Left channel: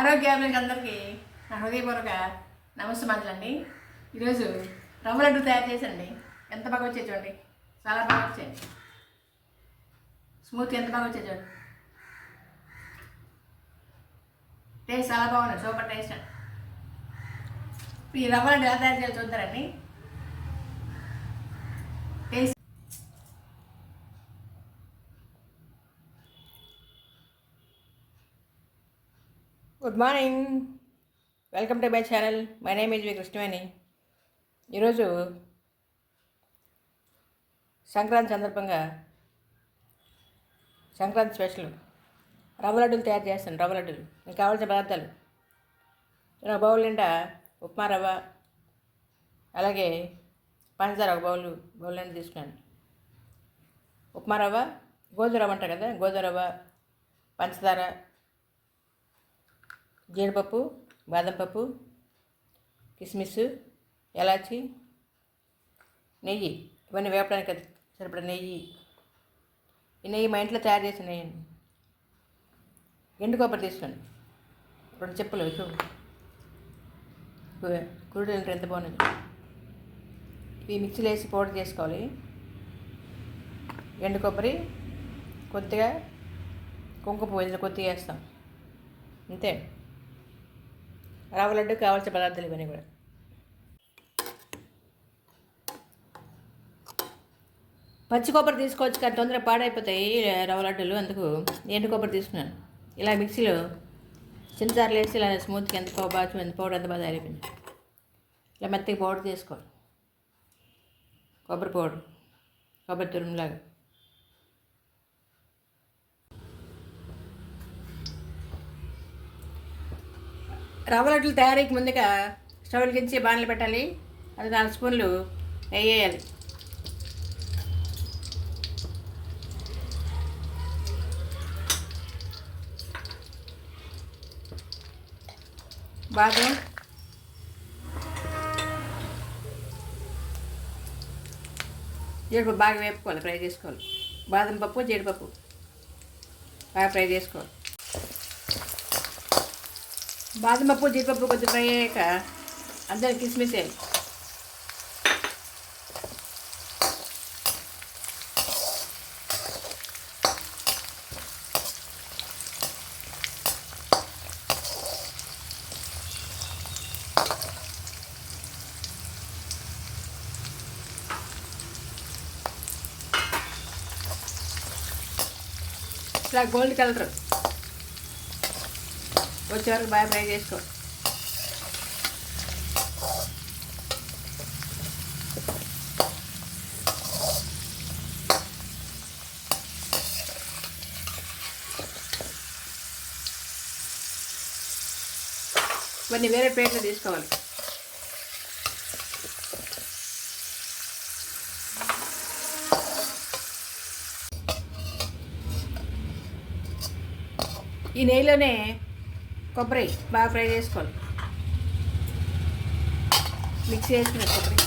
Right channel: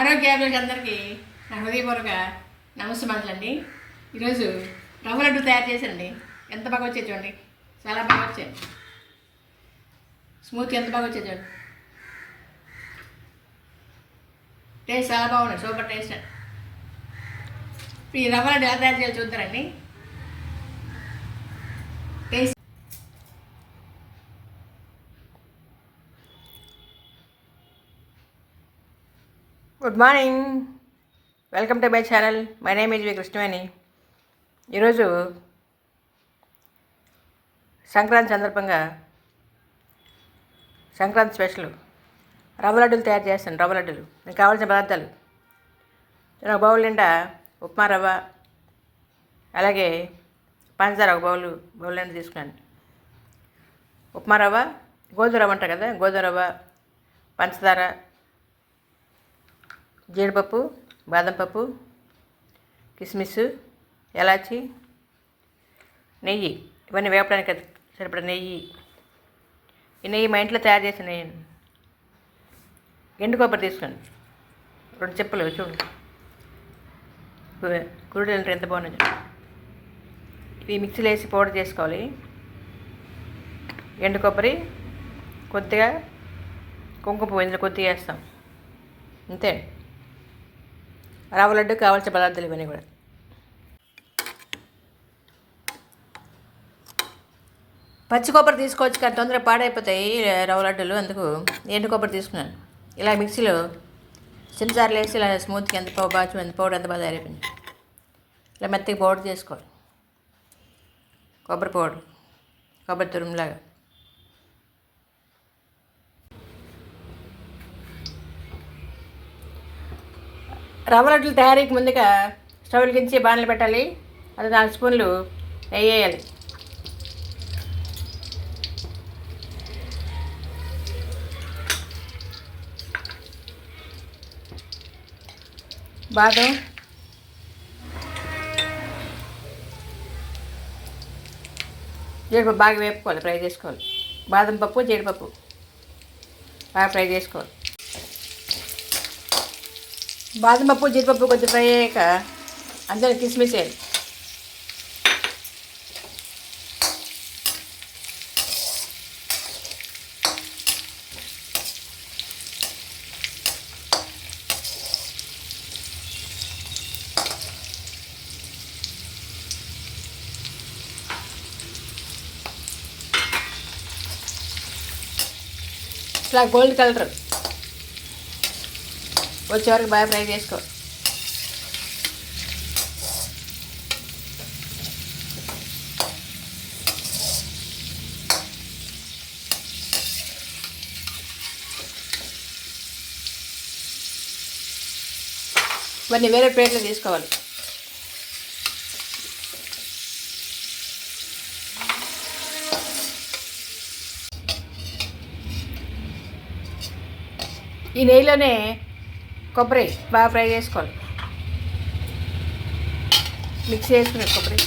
ఆరోగ్యాభివృద్ధి అందరికీ నా హృదయపూర్వక నమస్కారాలండి. ఈరోజు రవ్వ లడ్డు తయారు చేసండి. ఎంత బాగా వచ్చేది చూడండి, చాలా బాగా వచ్చాయి. స్మూత్ ఎంత బాగా వచ్చేది చూడండి. టేస్ట్ చాలా బాగున్నాయి, సూపర్ టేస్ట్. ఈ రవ్వ లడ్డు ఎలా తయారు చేయాలో చూద్దారండి. Taste good morning, welcome to my channel. My name is V Krishnaveni. ఈరోజు సంక్రాంతి సందర్భంగా సంక్రాంతి స్పెషల్ రవ్వ లడ్డూలు తయారు చేస్తాను. రవ్వ లడ్డూలు మీకు కావాల్సిన పదార్థాలు: ఒక బౌల్ నిండా ఉప్మా రవ్వ, అలాగే పంచదార ఒక బౌల్ నిండా తీసుకున్నాను. ఉప్మా రవ్వ, గోధుమ రవ్వ అంటారు కదా, గోధుమ రవ్వ, పంచదార, జీడిపప్పు, బాదం పప్పు, కిస్మిస్, ఎలాచి, నెయ్యి. ఇవన్నీ వేపడానికి సరిపడా నెయ్యి. ఈ నెయ్యి మా ఇంట్లో తయారు చేసిన నెయ్యి. ఎండు కొబ్బరి తీసుకోండి, 2 చెప్పులు. చూడు కురుడు ఎంత బాగున్నది. ఇవి మిక్సీలో వేసి పౌడర్ చేసుకోవాలి. ఎండు కొబ్బరి, కొద్దిగా కుంకుమ పువ్వు ఇందులో కొద్దిగా వేస్తాం, అంతే. రవ్వ లడ్డు కావాల్సిన పదార్థాలు ఇవన్నీ కూడా. పచ్చి కొబ్బరి తీసుకోవచ్చు కానీ తొందరగా పాడైపోతాయి రవ్వ లడ్డులు, అందుకు ఎండు కొబ్బరి తీసుకున్నాను. ఇలా మిక్సీలో చిన్నసార్లు వేసి ఇలా స్మూత్గా ఎంత బాగా పౌడర్ ఎంత బాగా తయారైపోయింది. ఇలా మెత్తగా పౌడర్ చేసుకోవాలి. కొబ్బరి పౌడర్, కొబ్బరి తురుములాగా. రవ్వ లడ్డులు తయారీకి ముందుగా స్టవ్ వెలిగించి బాణలు పెట్టాలి. అది 4 స్పూన్లు నెయ్యి వేయాలి. బాదం, జీడిపప్పు బాగా వేపుకోవాలి, ఫ్రై చేసుకోవాలి. బాదం పప్పు, జీడిపప్పు బాగా ఫ్రై చేసుకోవాలి. బాదం పప్పు, జీడిపప్పు కొంచెం ఫ్రై అయ్యాక అందులో కిస్మిస్ వేయాలి. ఇట్లా గోల్డ్ కలర్ వచ్చే వరకు బాగా ఫ్రై చేసుకోవాలి. ఇవన్నీ వేరే ప్లేట్లో తీసుకోవాలి. ఈ నెయ్యిలోనే కొబ్బరి బాగా ఫ్రై చేసుకోవాలి. మిక్స్ చేసుకునే కొబ్బరి.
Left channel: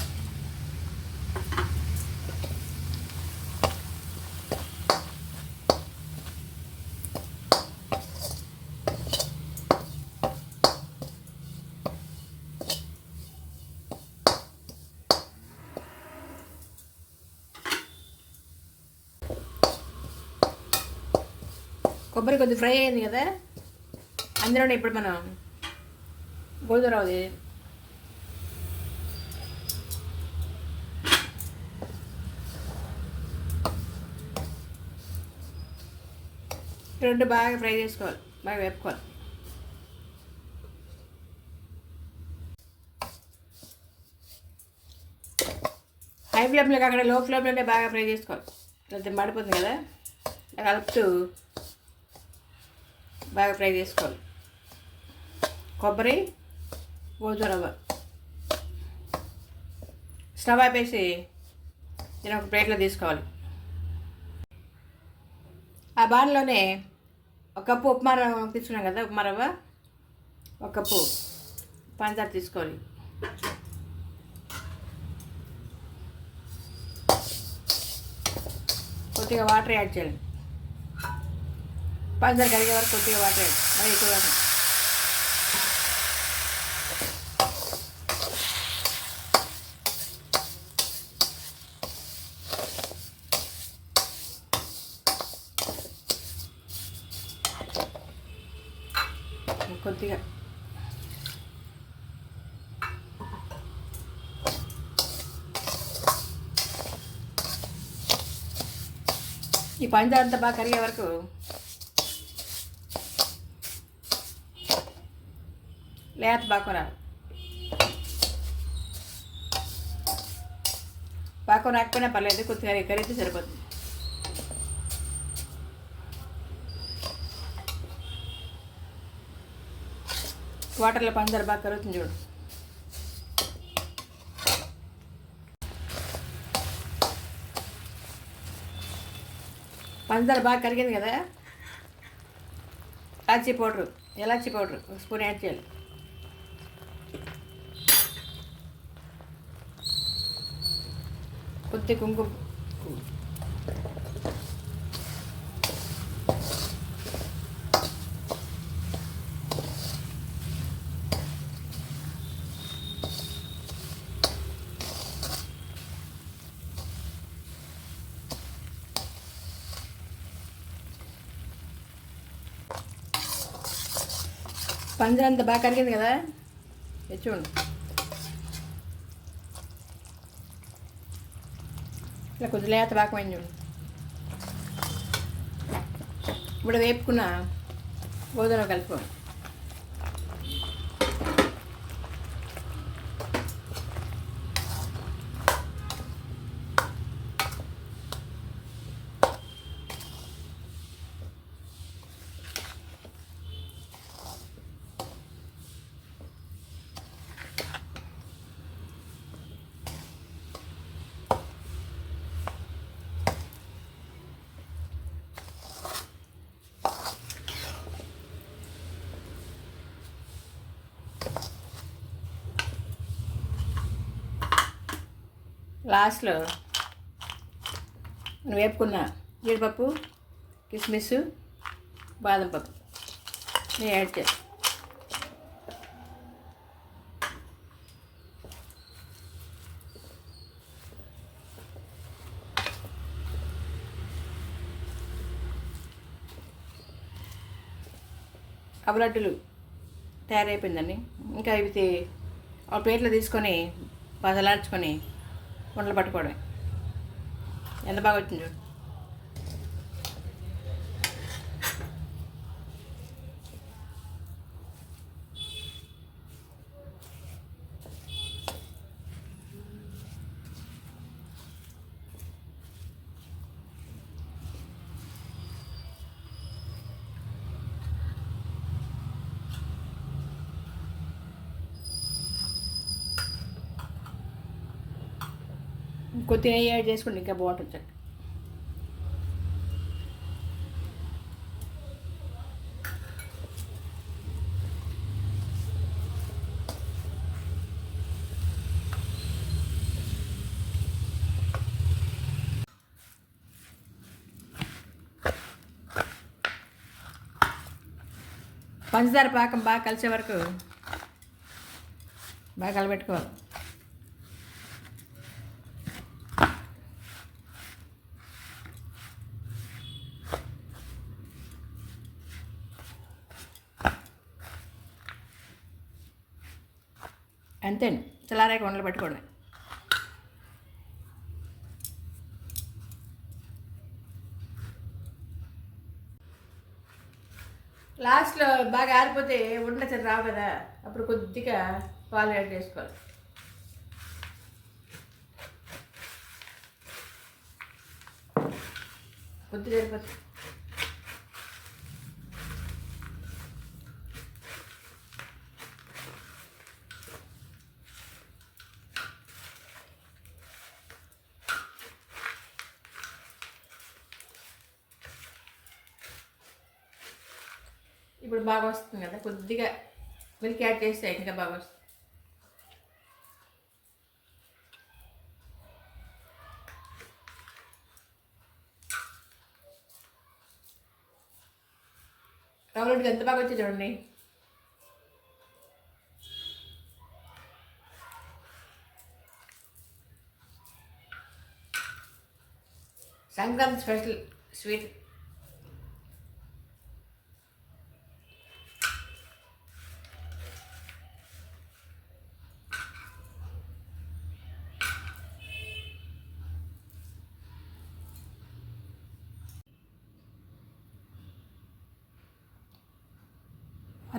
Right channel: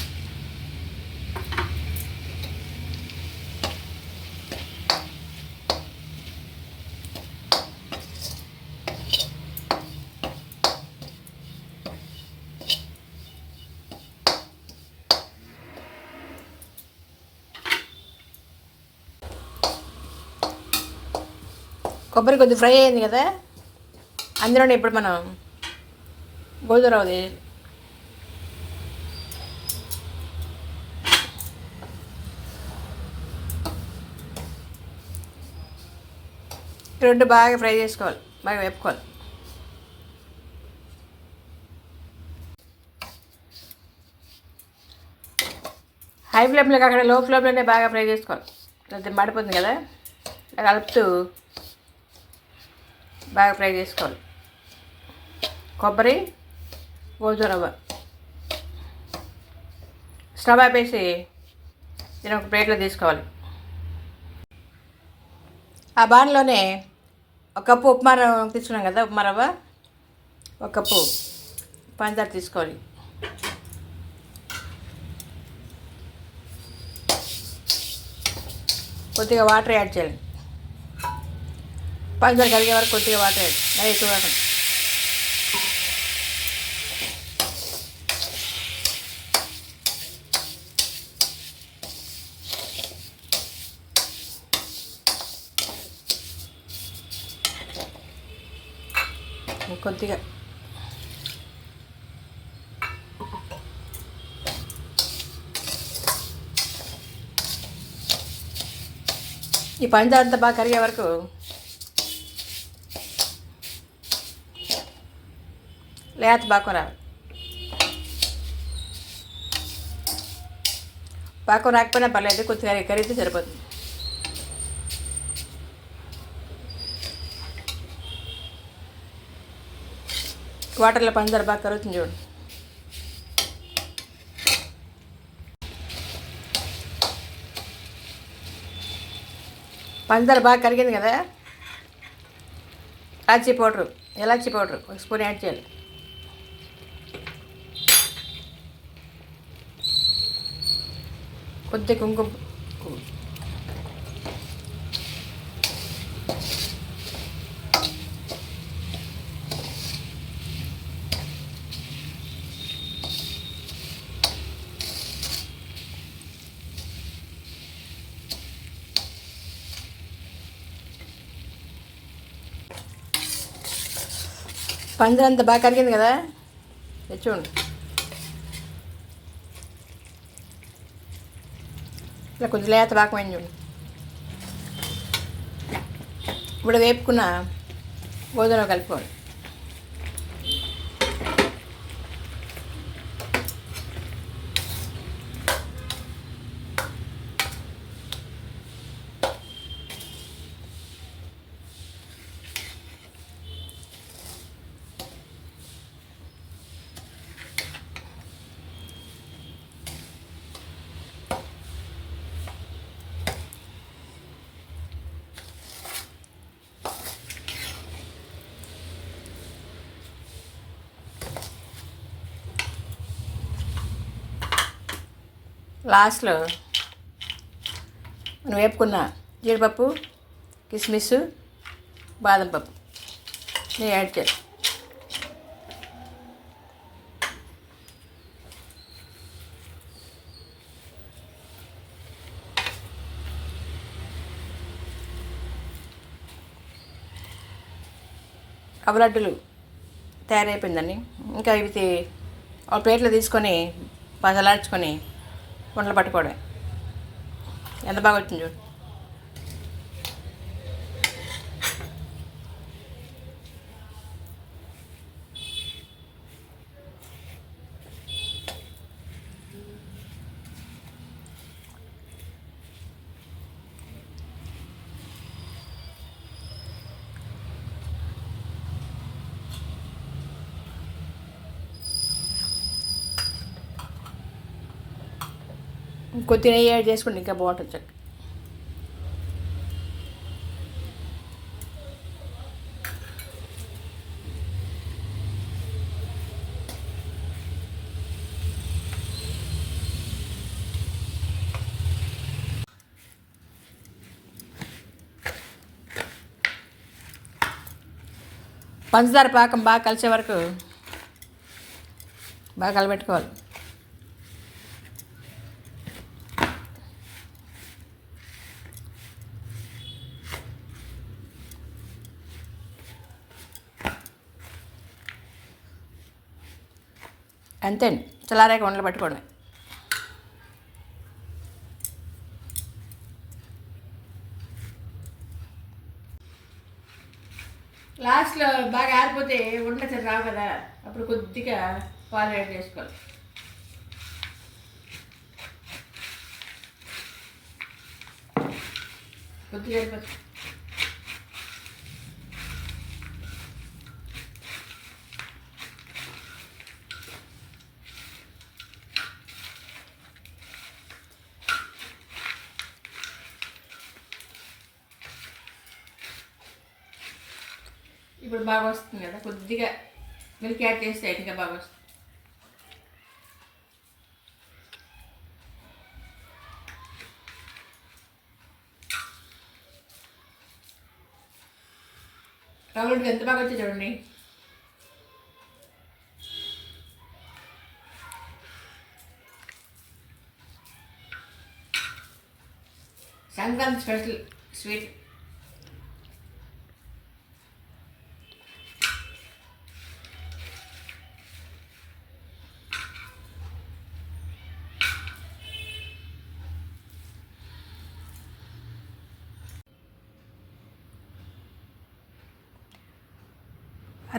కొబ్బరి కొద్దిగా ఫ్రై అయింది కదా, అందులోనే ఇప్పుడు మనం గోధుమ రవ్వ రెండు బాగా ఫ్రై చేసుకోవాలి, బాగా వేపుకోవాలి. హై ఫ్లేమ్లో కాకుండా లో ఫ్లేమ్లోనే బాగా ఫ్రై చేసుకోవాలి. లేకపోతే మాడిపోతుంది కదా. ఇలా కలుపుతూ బాగా ఫ్రై చేసుకోవాలి. కొబ్బరి, గోధుమ రవ్వ. స్టవ్ ఆపేసి నేను ఒక ప్లేట్లో తీసుకోవాలి. ఆ బాణలోనే 1 కప్పు ఉప్మా రవ్వ తీసుకున్నాం కదా, ఉప్మా రవ్వ 1 కప్పు పంచదార తీసుకోవాలి. కొద్దిగా వాటర్ యాడ్ చేయాలి. పంచదార కరిగే వరకు కొద్దిగా వాటర్ యాడ్, మరి ఎక్కువ కాకుండా. కొద్దిగా ఈ పంచదార అంతా బాగా కరిగే వరకు లేత పాకం రావాలి. పాకం రాకపోయినా పర్లేదు, కొద్దిగా కరిగితే సరిపోతుంది. వాటర్లో పంచదార బాగా కరుగుతుంది చూడు. పంచదార బాగా కరిగింది కదా, ఎలాచీ పౌడరు 1 స్పూన్ యాడ్ చేయాలి. కొద్ది కుంకుమ, పంచదార అంతా బాగా కరిగింది కదా, చూడండి. ఇలా కొంచెం లేత పాకమైంది చూడండి. ఇప్పుడు వేపుకున్న గోధుమ కలుపుకోండి. లాస్ట్లో మనం వేపుకున్న జీడిపప్పు, కిస్మిస్, బాదం పప్పు నేను యాడ్ చేయాలి. రవ్వ లడ్డులు తయారైపోయిందండి. ఇంకా ఇవి ఒక ప్లేట్లో తీసుకొని పసలార్చుకొని వంటలు పట్టుకోవడమే. ఎంత బాగా వచ్చింది చూడు. కొద్దిగా నెయ్యి యాడ్ చేసుకోండి, ఇంకా బాగుంటుంది చక్క. పంచదార పాకం బాగా కలిసే వరకు బాగా కలబెట్టుకోవాలి. అంతే అండి, చల్లారాక వంటలు పట్టుకోవడమే. లాస్ట్లో బాగా ఆరిపోతే ఉండలు రావు కదా, అప్పుడు కొద్దిగా పాలు యాడ్ చేసుకోవాలి. కొద్దిగా సరిపోతుంది. ఇప్పుడు బాగా వస్తుంది కదా, కొద్దిగా మిల్క్ యాడ్ చేస్తే ఇంకా బాగా వస్తుంది. రవ్వలకి ఎంత బాగా వచ్చి చూడండి. Sankranti special sweet.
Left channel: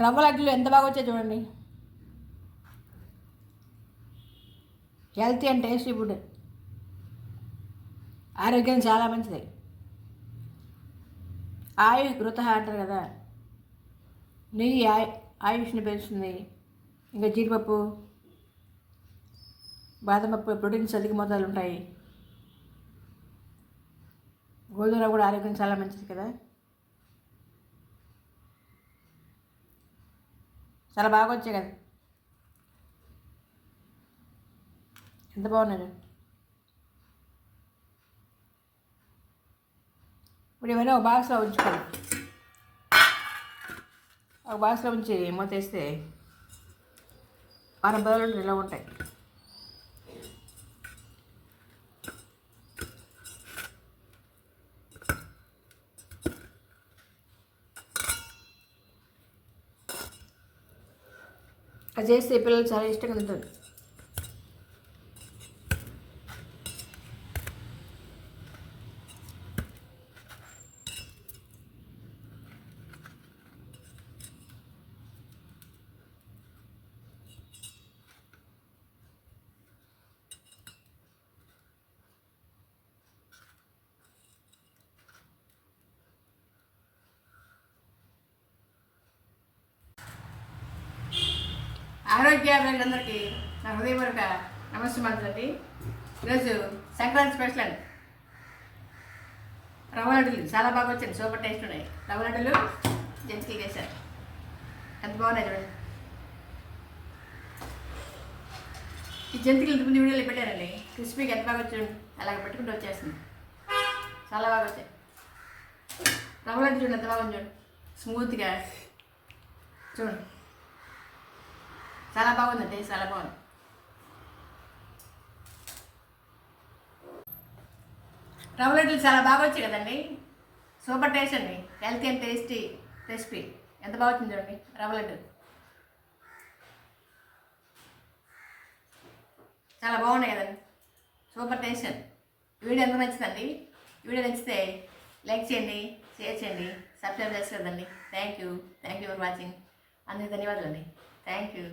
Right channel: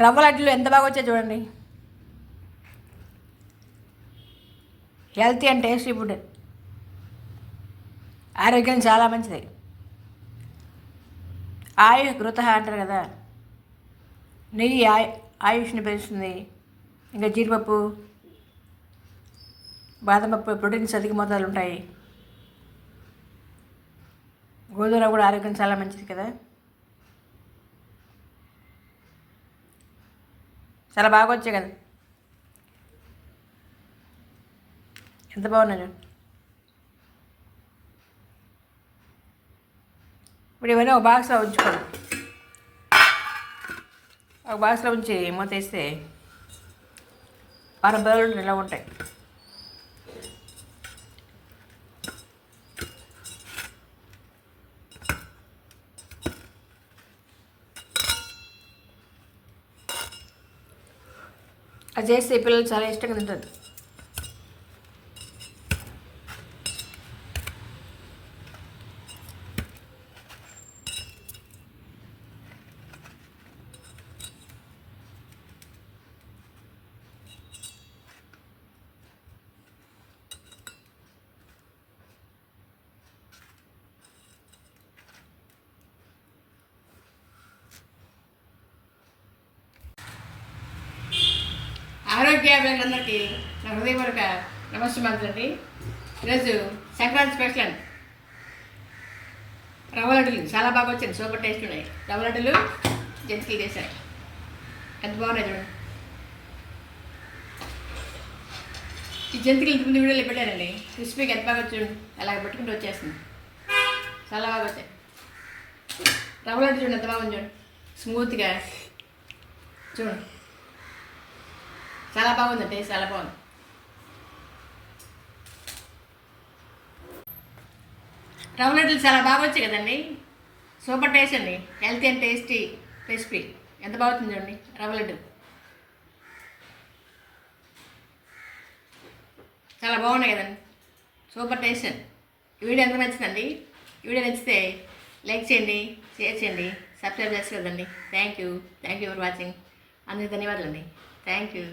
రవ్వ లడ్డులు ఎంత బాగా వచ్చాయి చూడండి. హెల్తీ అండ్ టేస్టీ ఫుడ్, ఆరోగ్యం చాలా మంచిది. ఆయుష్ కృత అంటారు కదా, నెయ్యి ఆయుష్ని పెంచుతుంది. ఇంకా జీడిపప్పు, బాదం పప్పు ప్రోటీన్స్ అధిక మోతాదులు ఉంటాయి. గోధుమ కూడా ఆరోగ్యం చాలా మంచిది కదా. చాలా బాగా వచ్చాయి కదా, ఎంత బాగున్నాయి. ఇప్పుడు ఇవన్నీ ఒక బాక్స్లో ఉంచుకోండి. ఒక బాక్స్లో ఉంచి మూతేస్తే వారం రోజులు ఇలా ఉంటాయి. అది చేస్తే పిల్లలు చాలా ఇష్టంగా తింటారు. ఆరోగ్యాభిలందరికీ నా హృదయపూర్వక నమస్కారం అండి. ఈరోజు సంక్రాంతి స్పెషల్ అండి, రవ్వ లడ్డులు చాలా బాగా వచ్చాయి, సూపర్ టేస్ట్ ఉన్నాయి. రవ్వ లడ్డులు జంతికలు చేశారు, ఎంత బాగున్నాయి చూడండి. ఈ జంతికలు ఇంతకుముందు వీడియోలో పెట్టారండి, క్రిస్పీకి ఎంత బాగా వచ్చాడు, అలాగ పెట్టుకుంటూ వచ్చేస్తుంది, చాలా బాగా వచ్చాయి. రవ్వ లడ్డు చూడండి ఎంత బాగుంది, చూడండి స్మూత్గా చూడండి, చాలా బాగుంది, టేస్ట్ చాలా బాగుంది. రవ్వ లడ్డులు చాలా బాగా వచ్చాయి కదండి, సూపర్ టేస్ట్ అండి, హెల్తీ అండ్ టేస్టీ రెసిపీ. ఎంత బాగుంది చూడండి రవ్వ లడ్డు, చాలా బాగున్నాయి కదండి, సూపర్ టేస్ట్ అండి. ఈ వీడియో ఎంత నచ్చిందండి? ఈ వీడియో నచ్చితే లైక్ చేయండి, షేర్ చేయండి, సబ్స్క్రైబ్ చేసుకోండి. Thank you for watching. అందరికీ ధన్యవాదాలు అండి. Thank you.